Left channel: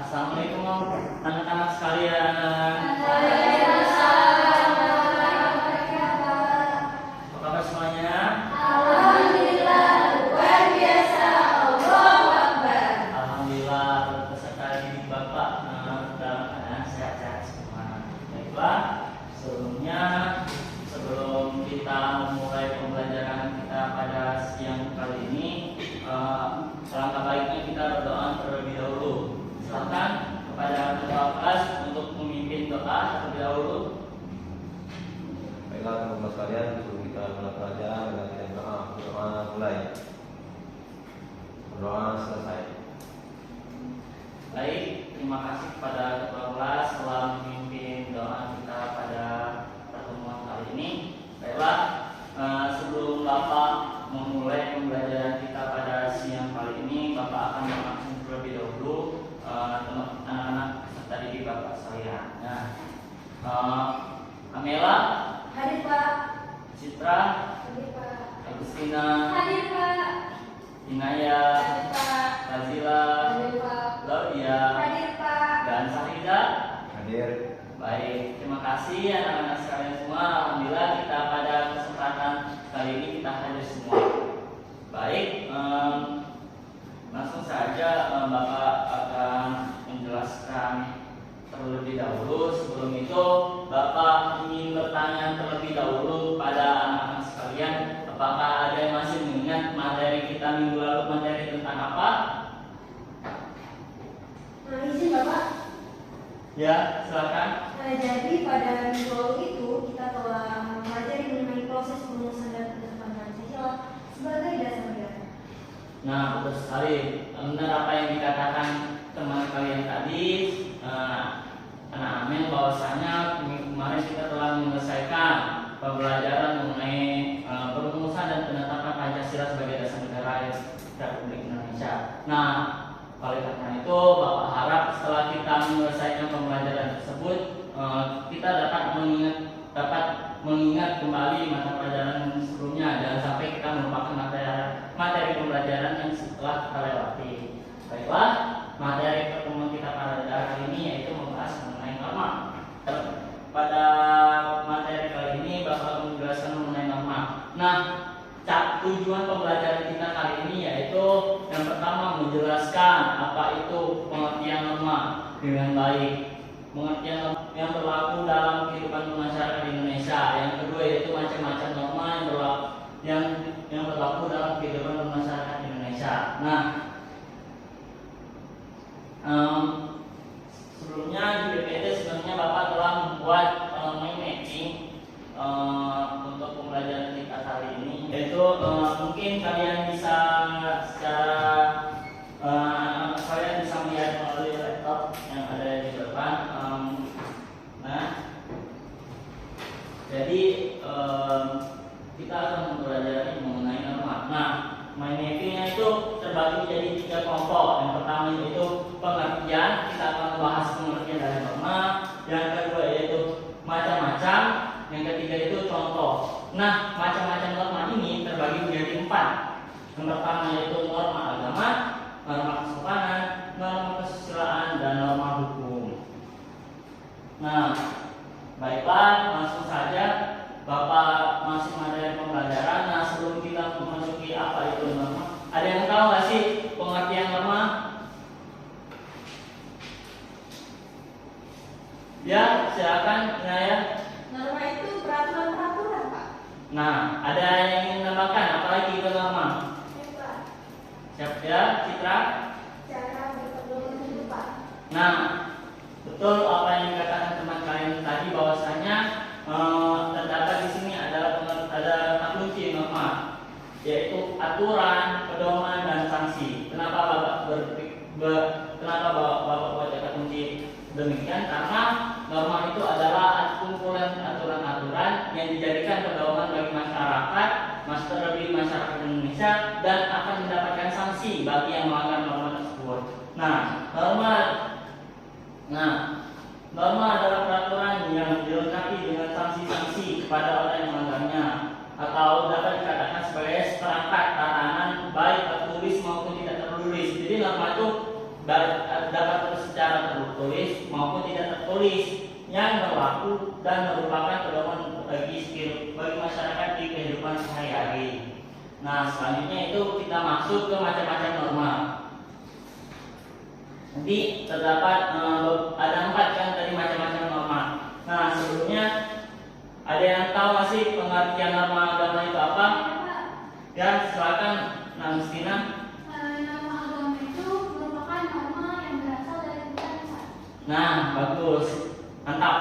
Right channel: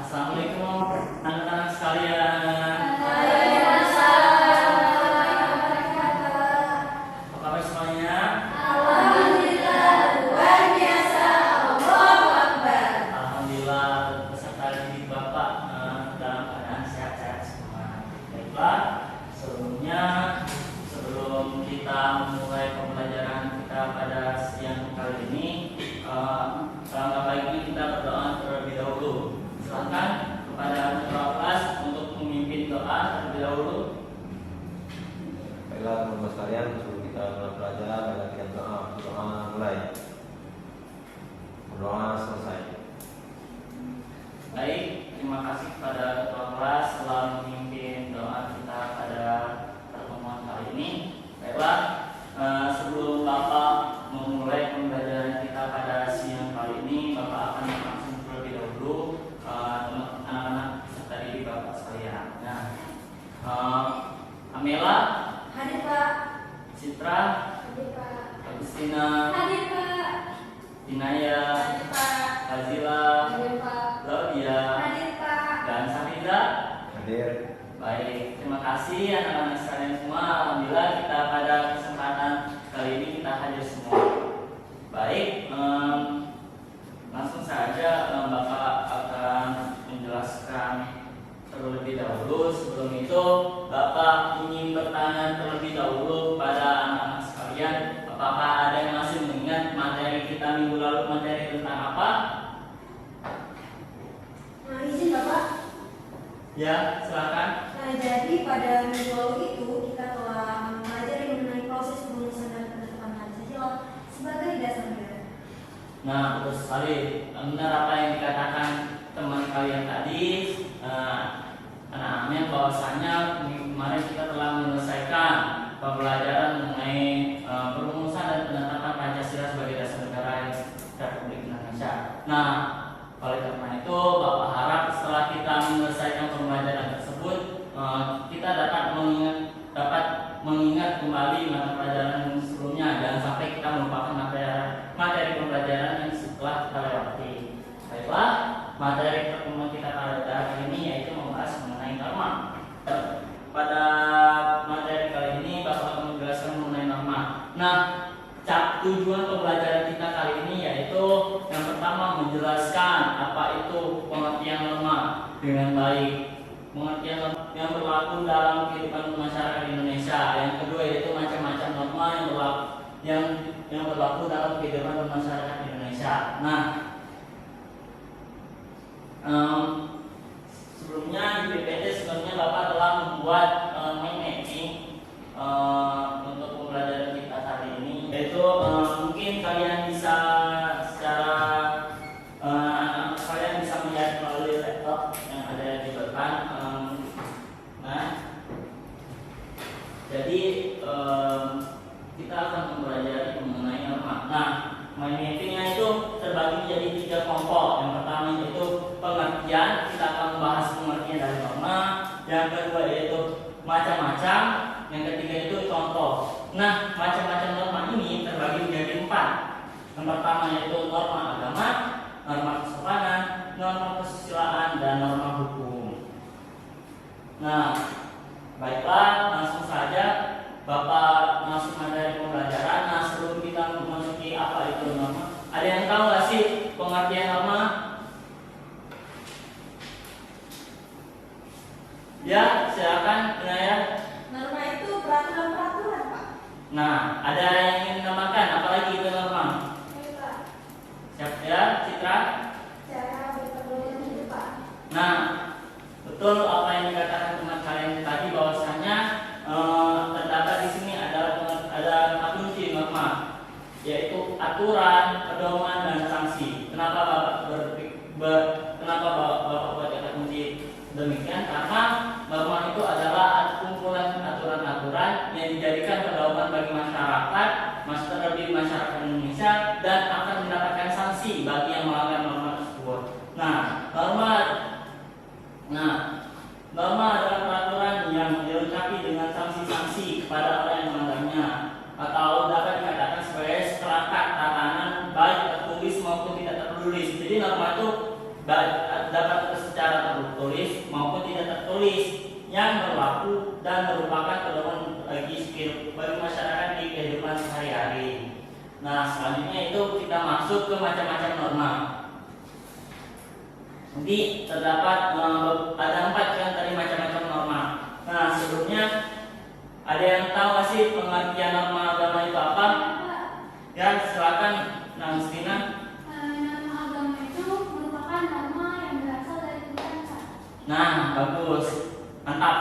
Assalamualaikum anak-anak sekalian. Apa kabar semuanya? Alhamdulillah, luar biasa. Allahu Akbar. Alhamdulillah, berserta didik Bapak dalam keadaan sehat-sehat semua. Baiklah, sebelum kita memulai pembelajaran kita pada siang kali ini, alangkah baiknya kita berdoa terlebih dahulu. Silakan kepada ketua kelas untuk memimpin doa terlebih dahulu. Baiklah teman-teman sekalian, sebelum kita mulai belajar, kita berdoa mulai. Berdoa selesai. Baik, terima kasih kepada ketua kelas telah memimpin doa kita pada pertemuan kali ini. Baiklah, sebelum Bapak memulai pembelajaran kita pada siang kali ini, Bapak akan langsung terlebih dahulu anak-anak serta didik Bapak sekalian. Nah, Amela, Hadir Pak. Citra, Hadir Pak. Agustina, Hadir Pak. Inaya, Hadir Pak. Fazila, Hadir Pak. Claudia, Hadir Pak. dan Safira. Hadir. Baik, terima kasih anak-anak sekalian semua. Alhamdulillah kita pada kesempatan kali ini kita hadir semua. Baik, langsung saja Bapak akan menjelaskan terlebih dahulu. Sebelum itu, Bapak ingin bertanya terlebih dahulu pada anak-anak sekalian, apakah ada yang masih mengingat materi kita minggu lalu, materi tentang apa? Izin Bapak. Ya, silakan. Nah, jadi pada minggu lalu itu kita telah mempelajari mengenai proses pengurusan dan penetapan sosial sebagai dasar negara. Nah, betul sekali. Benar apa yang dikatakan teman kalian tadi. Amin, bahwasanya kemarin kita telah menyelesaikan pembelajaran mengenai perumusan dan penetapan Pancasila sebagai dasar negara Republik Indonesia. Nah, oleh karena itu, Bapak harap setelah kita menyelesaikan pembelajaran tersebut, kita dapat mengingat kembali mata pelajaran sebelumnya. Jangan sampai kita melupakan materi pembelajaran yang setelah kita lewati. Baiklah, materi pertemuan kita pada hari ini yaitu membahas mengenai norma. Pada materi kali ini, Bapak akan menjelaskan mengenai norma. Nah, tujuan pembelajaran kita kali ini yaitu yang pertama menjelaskan apa itu pengertian norma dengan baik, pengertian norma yang berlaku dalam kehidupan masyarakat Indonesia. Yang kedua yaitu macam-macam norma yang berlaku dalam kehidupan masyarakat Indonesia. Nah, sebelumnya di PPT sebenarnya Bapak telah membuat mind mapping untuk pembelajaran kita kali ini, yaitu mungkin kalian bisa kalian bisa melihat melalui laptop yang ada di depan. Nah, jadi kita akan mempelajari mengenai norma. Nah, mind mappingnya itu terbagi menjadi 3 kelompok. Yang pertama yaitu pengertian, kita akan membahas pengertian dari norma. Yang kedua yaitu macam-macam. Yang ketiga itu contoh. Nah, macam-macam norma ini terbagi menjadi 4. Yang pertama yaitu norma agama, norma kesopanan, norma kesusilaan, dan norma hukum. Nah, baiklah, langsung saja Bapak masuk materi pembelajaran. Nah, sebelum kita memasuki apa itu norma, ada yang tahu nggak sih pengertian norma? Ya, silakan Inaya. Norma itu peraturan-peraturan, Pak. Nah, ada yang ingin menambahkan apalagi itu norma? Pak. Siap ya, Citra? Cara berpedoman hidup, Pak. Nah, betul apa yang dikatakan teman kalian tadi, bahwasanya terdapat di sini ada kunci norma, yaitu aturan, pedoman, dan sanksi. Kenapa Bapak buat kata kunci demikian? Karena norma itu adalah kumpulan aturan-aturan yang dijadikan pedoman bagi masyarakat, terlebih masyarakat Indonesia, dan akan mendapatkan sanksi bagi yang melanggar norma tersebut. Norma adalah peraturan yang dilengkapi dengan sanksi-sanksi kepada orang yang melanggarnya, atau dapat dikatakan sebagai seperangkat tatanan baik tertulis maupun tidak tertulis. Jadi norma itu dapat secara tertulis maupun tidak tertulis yang berlaku dan merupakan pedoman bagi masyarakat di kehidupan sehari-hari. Nah, selanjutnya itu kita masuk ke macam-macam norma. Nanti terdapat ada 4 kan tadi macam-macam norma. Nah, sebelumnya ada yang tahu nggak sih pengertian norma agama itu apa? Ya, silakan Nangustina. Norma agama itu merupakan norma yang berasal dari Tuhan. Nah, bagus, mantap.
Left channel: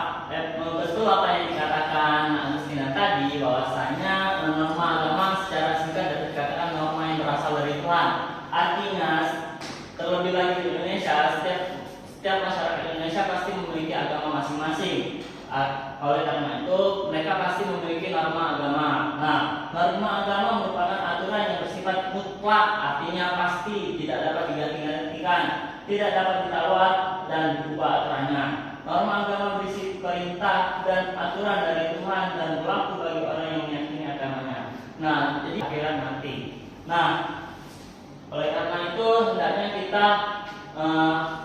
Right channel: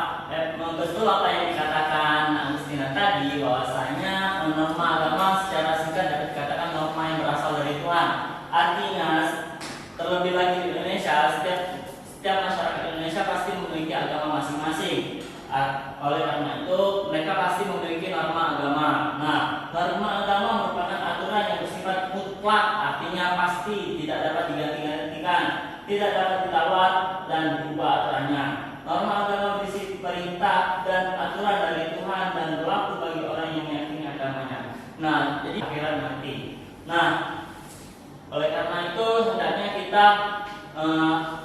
Betul apa yang dikatakan Agustina tadi, bahwasanya norma agama secara singkat dapat dikatakan norma yang berasal dari Tuhan. Artinya, terlebih lagi di Indonesia, setiap masyarakat Indonesia pasti memiliki agama masing-masing. Oleh karena itu, mereka pasti memiliki norma agama. Nah, norma agama merupakan aturan yang bersifat mutlak, artinya pasti, tidak dapat diganti-gantikan, tidak dapat ditawar dan diubah aturannya. Norma agama berisi perintah dan aturan dari Tuhan dan berlaku bagi orang yang meyakini agamanya. Nah, jadi akhirat nanti. Nah, oleh karena itu hendaknya kita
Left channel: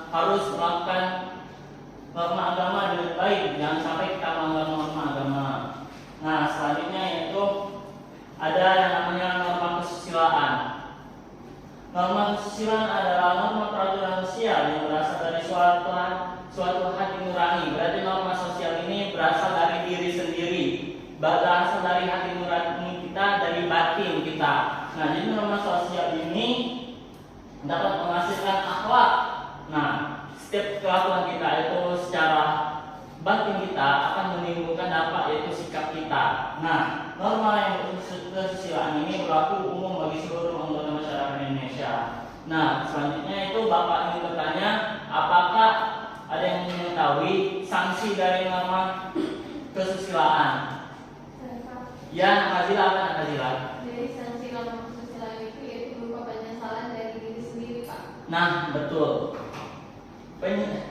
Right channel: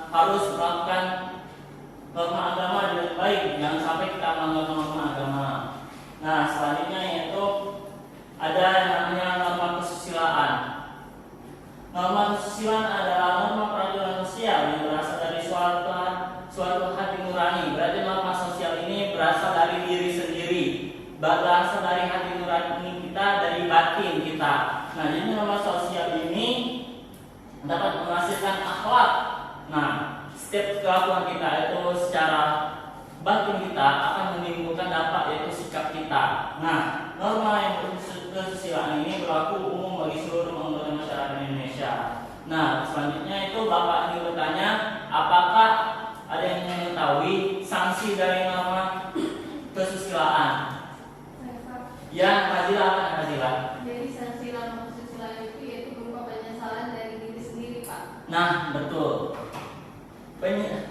harus melakukan norma agama dengan baik, jangan sampai kita melanggar norma agama. Nah, selanjutnya yaitu ada yang namanya norma kesusilaan. Norma kesusilaan adalah norma peraturan sosial yang berasal dari suatu hati nurani. Berarti norma sosial ini berasal dari diri sendiri, berasal dari hati nurani kita, dari batin kita. Nah, jadi norma sosial ini dapat menghasilkan akhlak. Nah, setiap kelakuan kita itu secara batin kita akan menimbulkan dampak, yaitu sikap kita. Nah, norma yang kesusilaan ini berlaku umum bagi seluruh anggota masyarakat Indonesia. Nah, selanjutnya itu Bapak ingin bertanya, apakah ada yang mengetahui sanksi dari norma kesusilaan? Ya, Nazila, apa Nazila? Jadi sanksi norma kesusilaan itu yaitu berupa penyesalan dari diri sendiri, Pak. Nah, betul.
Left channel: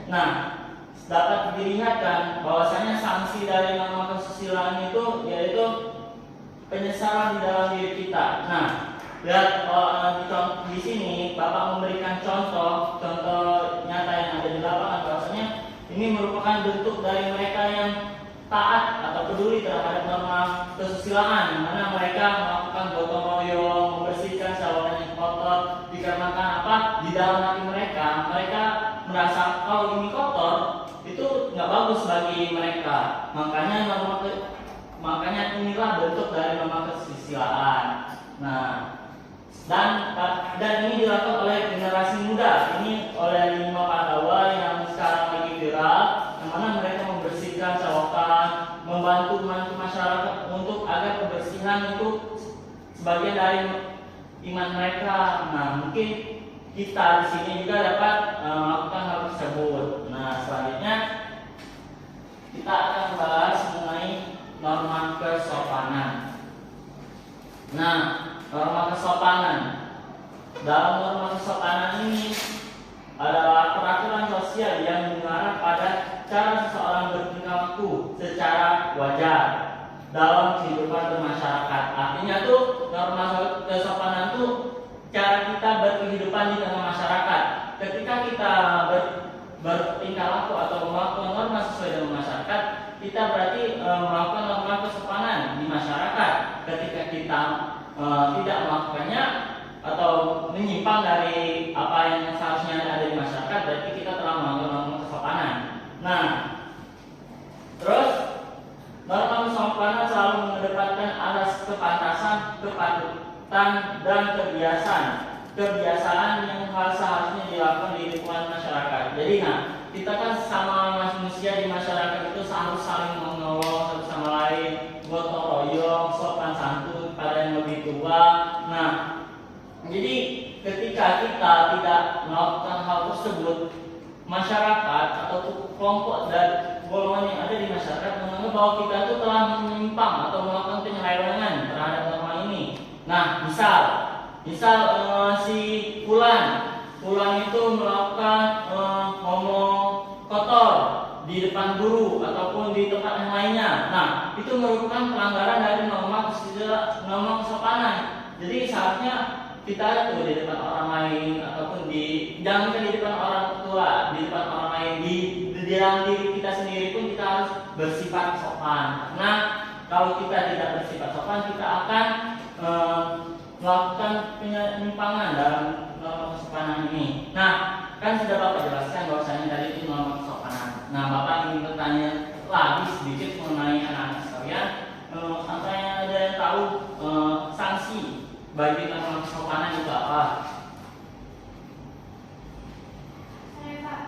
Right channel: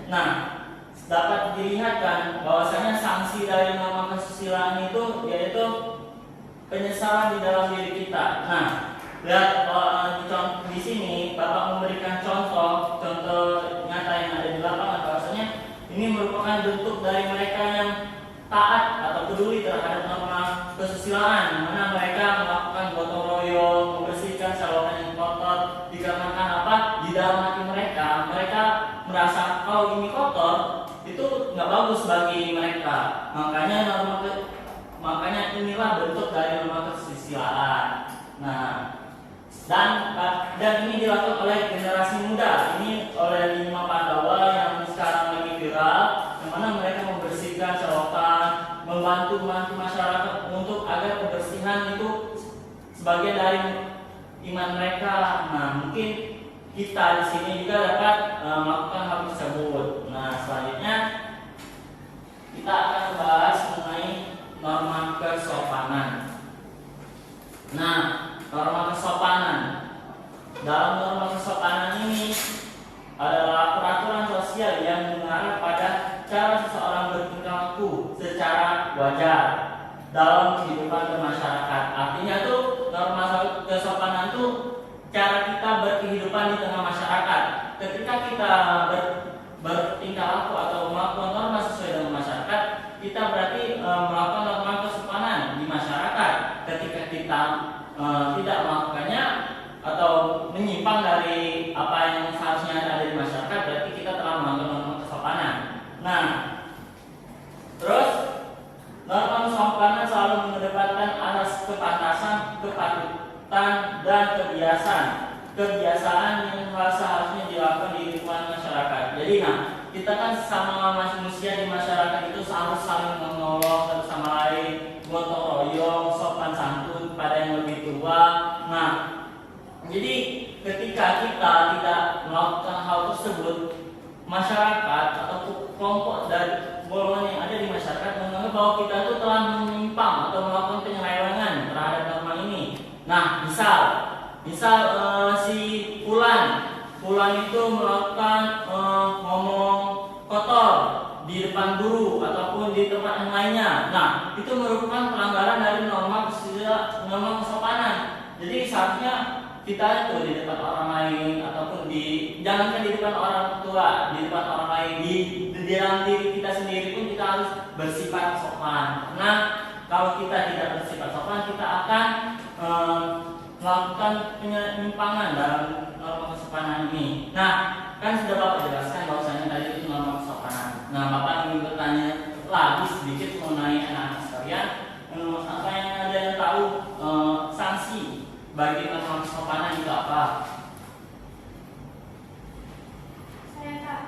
Nah, dapat dilihatkan bahwasanya sanksi dari norma kesusilaan itu yaitu penyesalan di dalam diri kita. Nah, lihat di sini Bapak memberikan contoh nyata yang ada di lapangan, bahwasanya ini merupakan bentuk dari mereka yang taat atau peduli terhadap norma kesusilaan, di mana mereka melakukan gotong royong, membersihkan saluran yang kotor. Dikarenakan apa? Di dalam hati mereka merasa kalau ini kotor itu nggak bagus bagi mereka. Makanya inilah bentuk dari norma kesusilaan. Nah, dan ini dilakukan oleh generasi muda. Ini oleh 5 Pandawa yang sekarang lagi viral, yang mana mereka membersihkan selokan, membantu masyarakat untuk agar kebersihan itu sebagian dari iman mereka. Nah, mungkin kita di sini juga dapat melakukan hal tersebut. Nah, selanjutnya kita akan membahas mengenai norma kesopanan. Nah, norma kesopanan. Dalam norma kesopanan ini adalah peraturan sosial yang mengarah pada cara seseorang bertingkah laku secara wajar dalam kehidupan bermasyarakat. Artinya tuh norma kesopanan tuh cara kita berkehidupan di tengah masyarakat. Ketika kita bertingkah laku atau melakukan norma sesuai dengan masyarakat, kita berarti melakukan norma kesopanan di masyarakat. Ketika kita tidak melakukannya atau menyimpang dari apa yang seharusnya ada di masyarakat, berarti kita telah melanggar norma kesopanan. Nah, terus norma kesopanan selalu mengedepankan asas kepantasan, kepatutan, dan kebiasaan yang seharusnya dilakukan di lingkungan masyarakat. Jadi, kita kan sama manusia di masyarakat itu harus saling menolong satu sama lain, gotong royong, sopan santun pada yang lebih tua. Nah, jadi ketika kita tidak melakukan hal tersebut, masyarakat atau kelompok dan golongan yang ada di masyarakat menganggap bahwa kita itu telah menyimpang atau melakukan penyelewengan terhadap norma ini. Nah, misal si Fulan itu melakukan ngomong kotor di depan guru ataupun di tempat yang lainnya. Nah, itu merupakan pelanggaran dari norma kesopanan. Jadi seharusnya kita tuh di depan orang lain ataupun jangankan di depan orang tua, di depan orang lain, di dalam diri kita sendiri pun kita harus bersifat sopan. Karena kalau kita tidak bersifat sopan, kita akan melakukan penyimpangan dalam norma kesopanan ini. Nah, kan sudah Bapak jelaskan bahwasanya tadi itu norma kesopanan. Nah, Bapak ingin bertanya lagi sedikit mengenai anak-anak sekalian. Apa yang ada yang tahu sanksi bagi norma kesopanan itu apa? Saya Pak,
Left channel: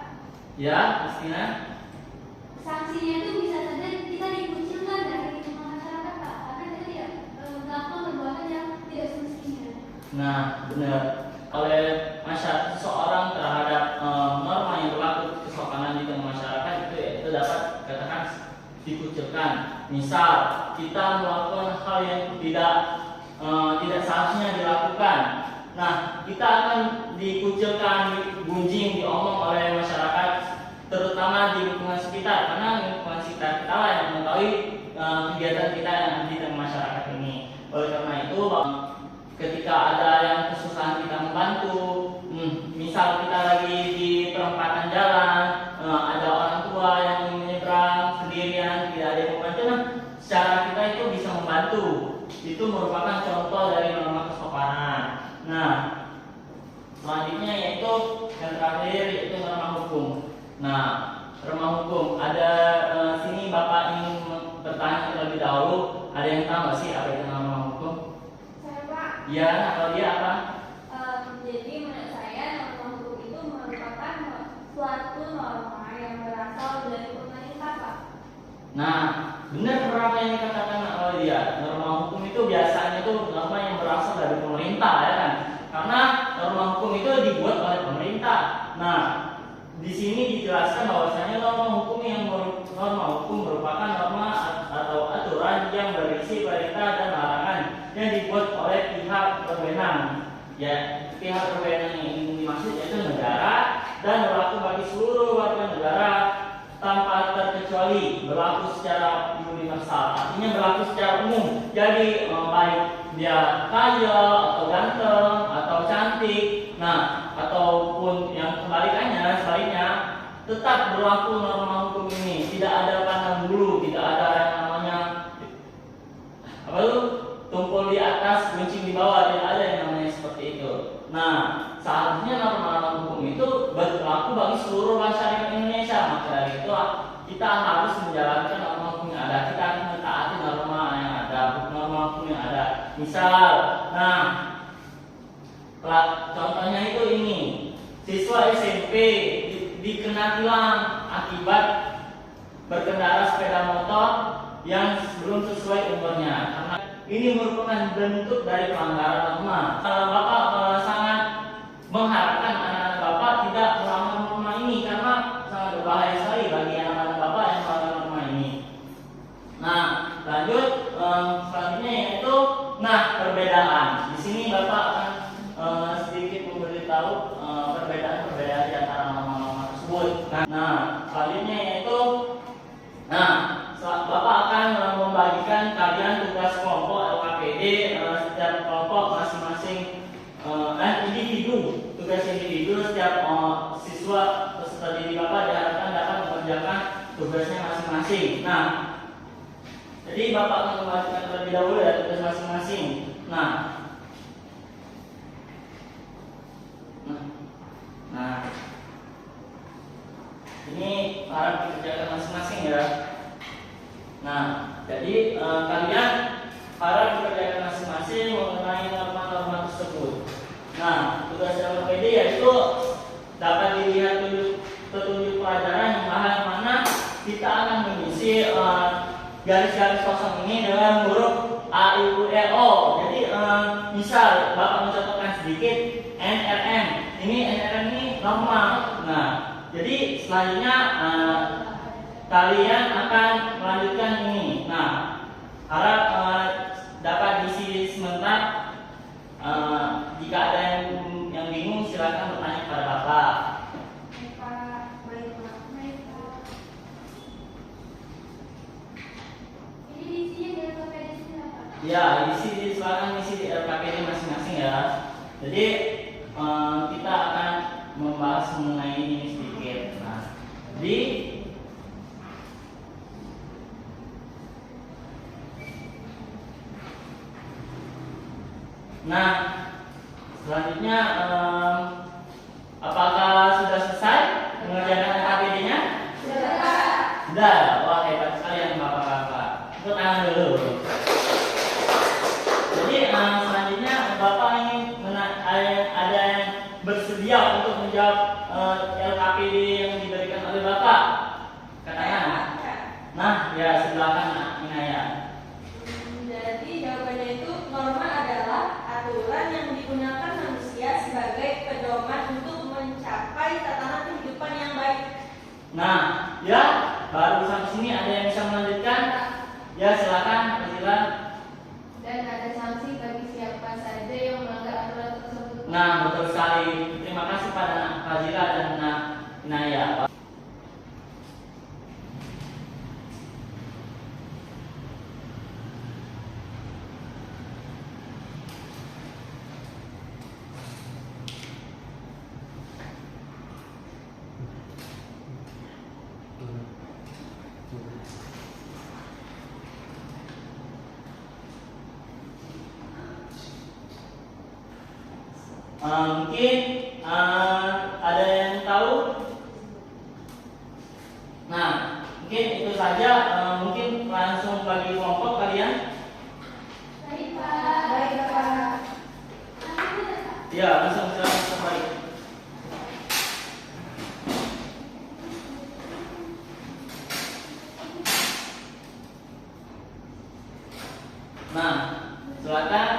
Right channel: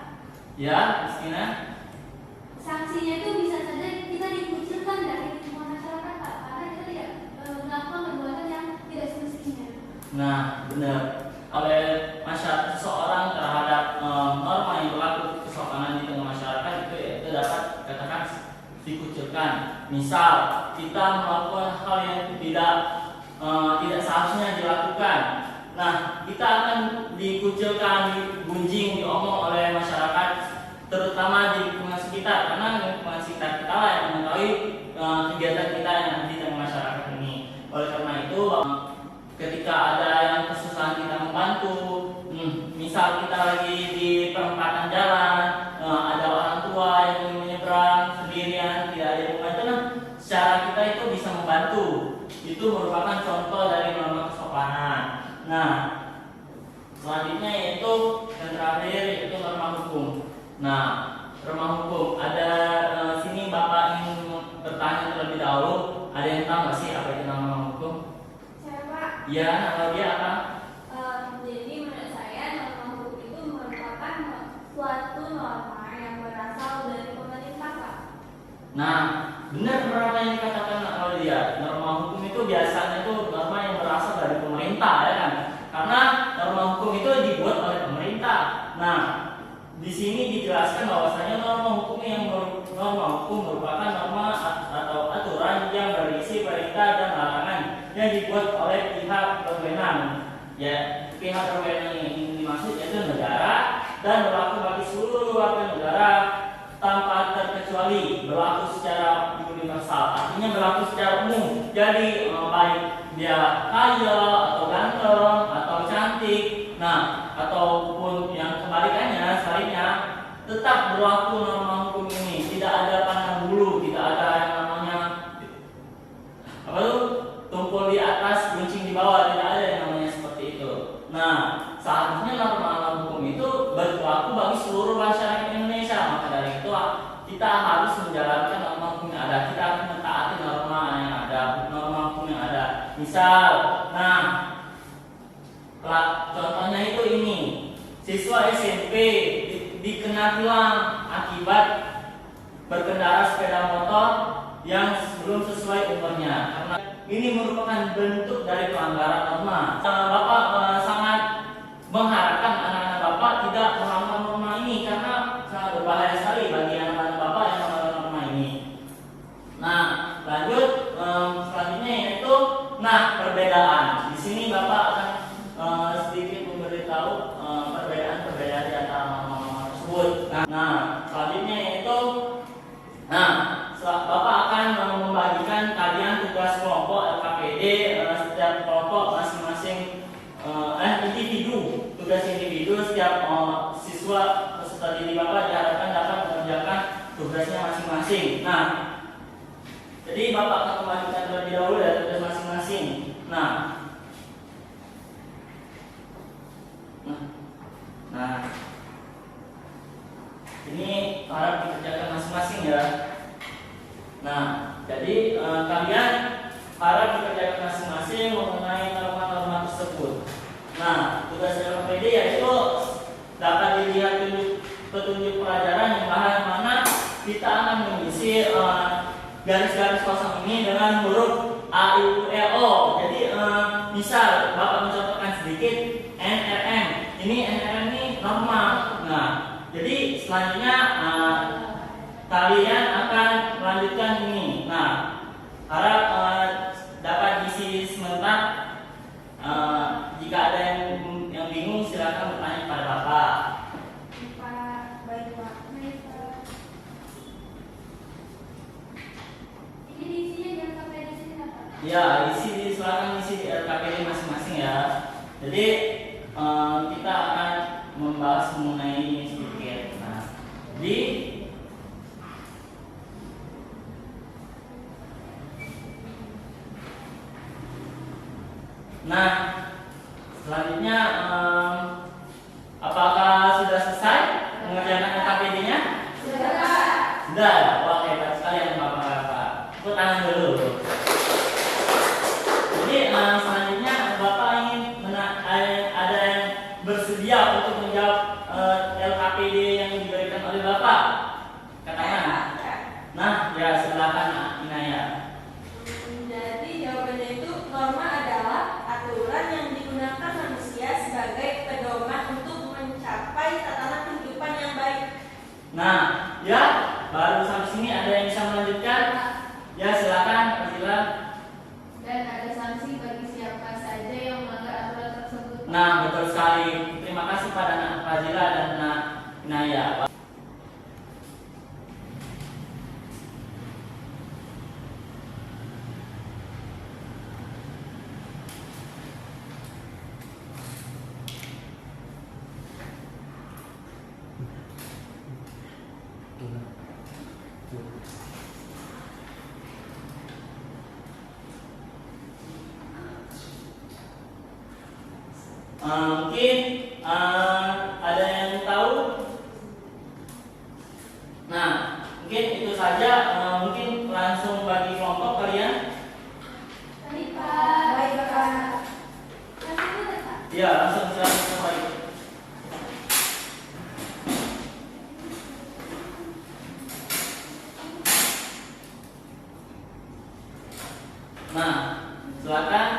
Ya, Kristina? sanksinya itu bisa saja kita dikucilkan dari lingkungan masyarakat Pak, karena kita tidak melakukan perbuatan yang tidak semestinya. Nah, benar. Oleh masyarakat seseorang terhadap norma yang berlaku kesopanan di tengah masyarakat itu dapat katakan dikucilkan. Misal kita melakukan hal yang tidak seharusnya dilakukan. Nah, kita akan dikucilkan, digunjing, diomong oleh masyarakat, terutama di lingkungan sekitar, karena lingkungan sekitar kita lah yang mengetahui kegiatan kita yang ada di tengah masyarakat ini. Oleh karena itu, ketika ada yang kesusahan kita membantu, misal kita lagi di perempatan jalan, ada orang tua yang ingin menyeberang sendirian, tidak ada yang membantu, nah secara kita itu bisa membantu. Itu merupakan contoh dari norma kesopanan. Nah, selanjutnya yaitu yang terakhir yaitu norma hukum. Nah, norma hukum ada sini Bapak ingin bertanya terlebih dahulu. Ada yang tahu nggak sih apa itu norma hukum? Saya Pak, Ya, kalau dia apa? jadi menurut saya norma hukum itu merupakan suatu norma yang berasal dari pemerintah Pak. Nah, benar apa yang dikatakan oleh dia. Norma hukum itu biasanya itu norma yang berasal dari pemerintah, ya kan? Karena norma hukum itu dibuat oleh pemerintah. Nah, di sini dijelaskan bahwasanya norma hukum merupakan norma atau aturan yang berisi perintah dan larangan yang dibuat oleh pihak berwenang. Ya, pihak berwenang ini dimaksud yaitu negara dan berlaku bagi seluruh warga negara tanpa terkecuali, berlaku secara universal, artinya berlaku secara umum. Jadi baik dia kaya atau ganteng atau cantik, nah ataupun yang sebaliknya tetap berlaku norma hukum ini. Tidak ada pandang bulu, tidak ada yang namanya apa tuh tumpul di atas, guncing di bawah, tidak ada yang namanya seperti itu. Nah, seharusnya norma hukum itu berlaku bagi seluruh masyarakat Indonesia. Maka dari itu kita harus menjalankan norma hukum yang ada. Kita harus mentaati norma yang ada, norma hukum yang ada. Misal, nah contohnya itu ini, siswa SMP dikena tilang akibat berkendara sepeda motor yang belum sesuai umurnya. Karena ini merupakan bentuk dari pelanggaran norma. Bapak sangat mengharapkan anak-anak Bapak tidak melanggar norma ini karena sangat berbahaya sekali bagi anak-anak Bapak yang melanggar norma ini. Nah, lanjut selanjutnya yaitu perbedaan. Di sini Bapak akan sedikit memberitahu perbedaan di antara norma-norma tersebut. Nah, selanjutnya yaitu Bapak akan membagikan kalian tugas kelompok LKPD. Setiap kelompok masing-masing individu, tugas individu. Setiap siswa peserta didik Bapak diharapkan dapat mengerjakan tugasnya masing-masing. Nah, jadi Bapak akan membagikan terlebih dahulu ya tugas masing-masing. Nah, ini harap dikerjakan masing-masing ya. Nah, jadi kalian harap dikerjakan masing-masing mengenai norma-norma tersebut. Nah, tugas LKPD yaitu dapat dilihat petunjuk pelajaran yang mana kita akan mengisi garis-garis kosong ini dengan huruf A, I, U, E, O. Jadi misal Bapak mencontohkan sedikit NRM. Ini NRM ini norma. Nah, jadi selanjutnya kalian akan melanjutkan ini. Nah, harap dapat diisi sebentar. Jika ada yang bingung silakan bertanya kepada Bapak. Baik Pak. Ini diisinya di LKPD sini Pak. Ya, silakan isi di LKPD masing-masing ya. Jadi kita akan membahas mengenai ini sedikit. Nah, selanjutnya apakah sudah selesai mengerjakan LKPD-nya? Sudah. Wah, hebat sekali yang Bapak-bapak. Tepuk tangan dulu. Jadi selanjutnya Bapak ingin ada yang bersedia untuk menjawab LKPD yang diberikan oleh Bapak? Katakan. Nah, ya silakan Inaya. Jadi jawabannya itu norma adalah aturan yang digunakan manusia sebagai pedoman untuk mencapai tatanan kehidupan yang baik. Nah, ya baru sampai sini ada yang bisa melanjutkan? Ya silakan, Fazila. Dan ada sanksi bagi siapa saja yang melanggar aturan tersebut. Nah, betul sekali. Terima kasih pada Fazila dan Inaya. Mungkin ada yang tahu? Nah, mungkin itu saja. Mungkin langsung bagi kelompok kalian. Baik, Pak. Baik, Pak. Langsung aja, Pak. Ya, langsung silakan kembali. Nah, silakan.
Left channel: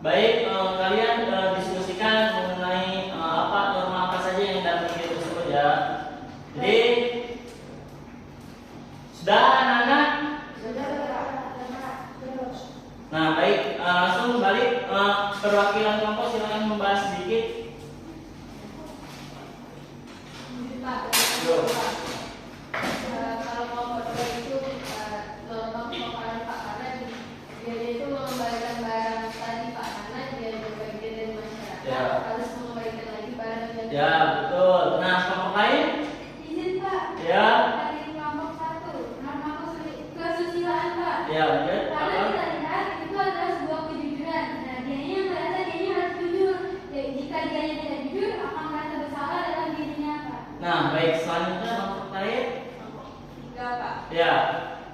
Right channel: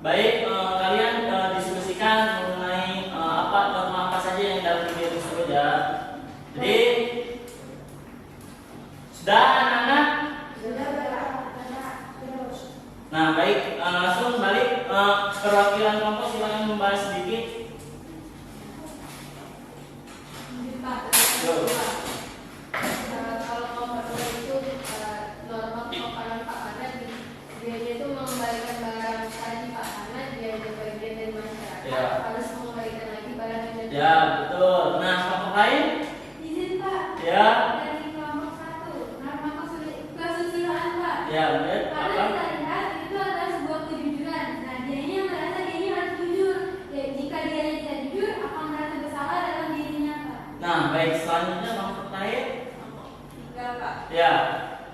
Baik, kalian diskusikan mengenai norma apa saja yang dalam video tersebut ya. Jadi sudah anak-anak? Nah, baik, langsung balik perwakilan kelompok silakan membahas sedikit. Pak, Yo. kalau mau pertama itu norma kepakaran Pak, karena dia itu mengembalikan barang tadi Pak, karena dia juga bagian dari masyarakat, Ya. harus mengembalikan lagi barang yang jadi. Ya, betul. Nah, kelompok lain? Izin, Pak. Ya. Dari kelompok 1, norma kesusilaan, Pak. Ya, lanjut. Karena Apa? kita lihat itu adalah sebuah kejujuran. Nah, dianya merasa dianya harus jujur. Ya, jika dianya tidak jujur, akan merasa bersalah dalam dirinya, Pak. Nah, baik, selanjutnya kelompok lain. 3 Pak. Ya,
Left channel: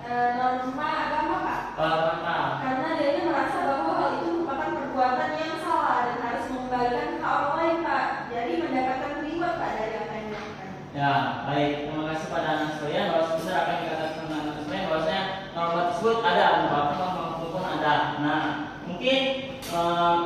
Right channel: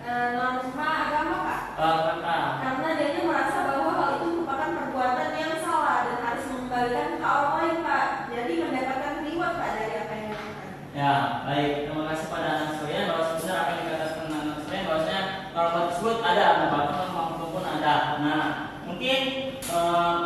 Norma agama Pak, mantap. karena dia merasa bahwa hal itu merupakan perbuatan yang salah dan harus mengembalikan ke orang lain Pak, jadi mendapatkan reward Pak dari apa yang dilakukan. Ya, baik. Terima kasih pada anak sekalian bahwa sebenarnya apa yang dikatakan anak sekalian bahwasanya norma tersebut ada, bahkan maupun ada. Nah, mungkin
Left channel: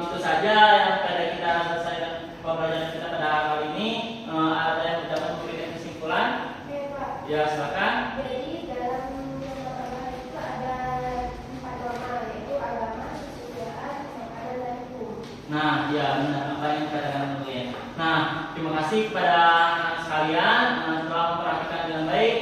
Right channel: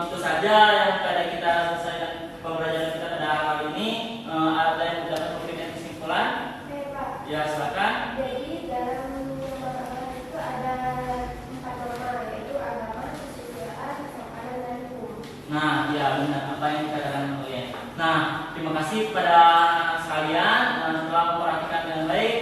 itu saja yang pada kita selesaikan pembelajaran kita pada kali ini. Ada yang dapat memberikan kesimpulan? Oke, Pak. Ya, silakan. Jadi dalam yang pertama itu ada 4 norma, yaitu agama, kesusilaan, kesopanan, dan hukum. Nah, ya benar apa yang dikatakan kalian. Nah, terima kasih kepada anak sekalian telah memperhatikan dengan baik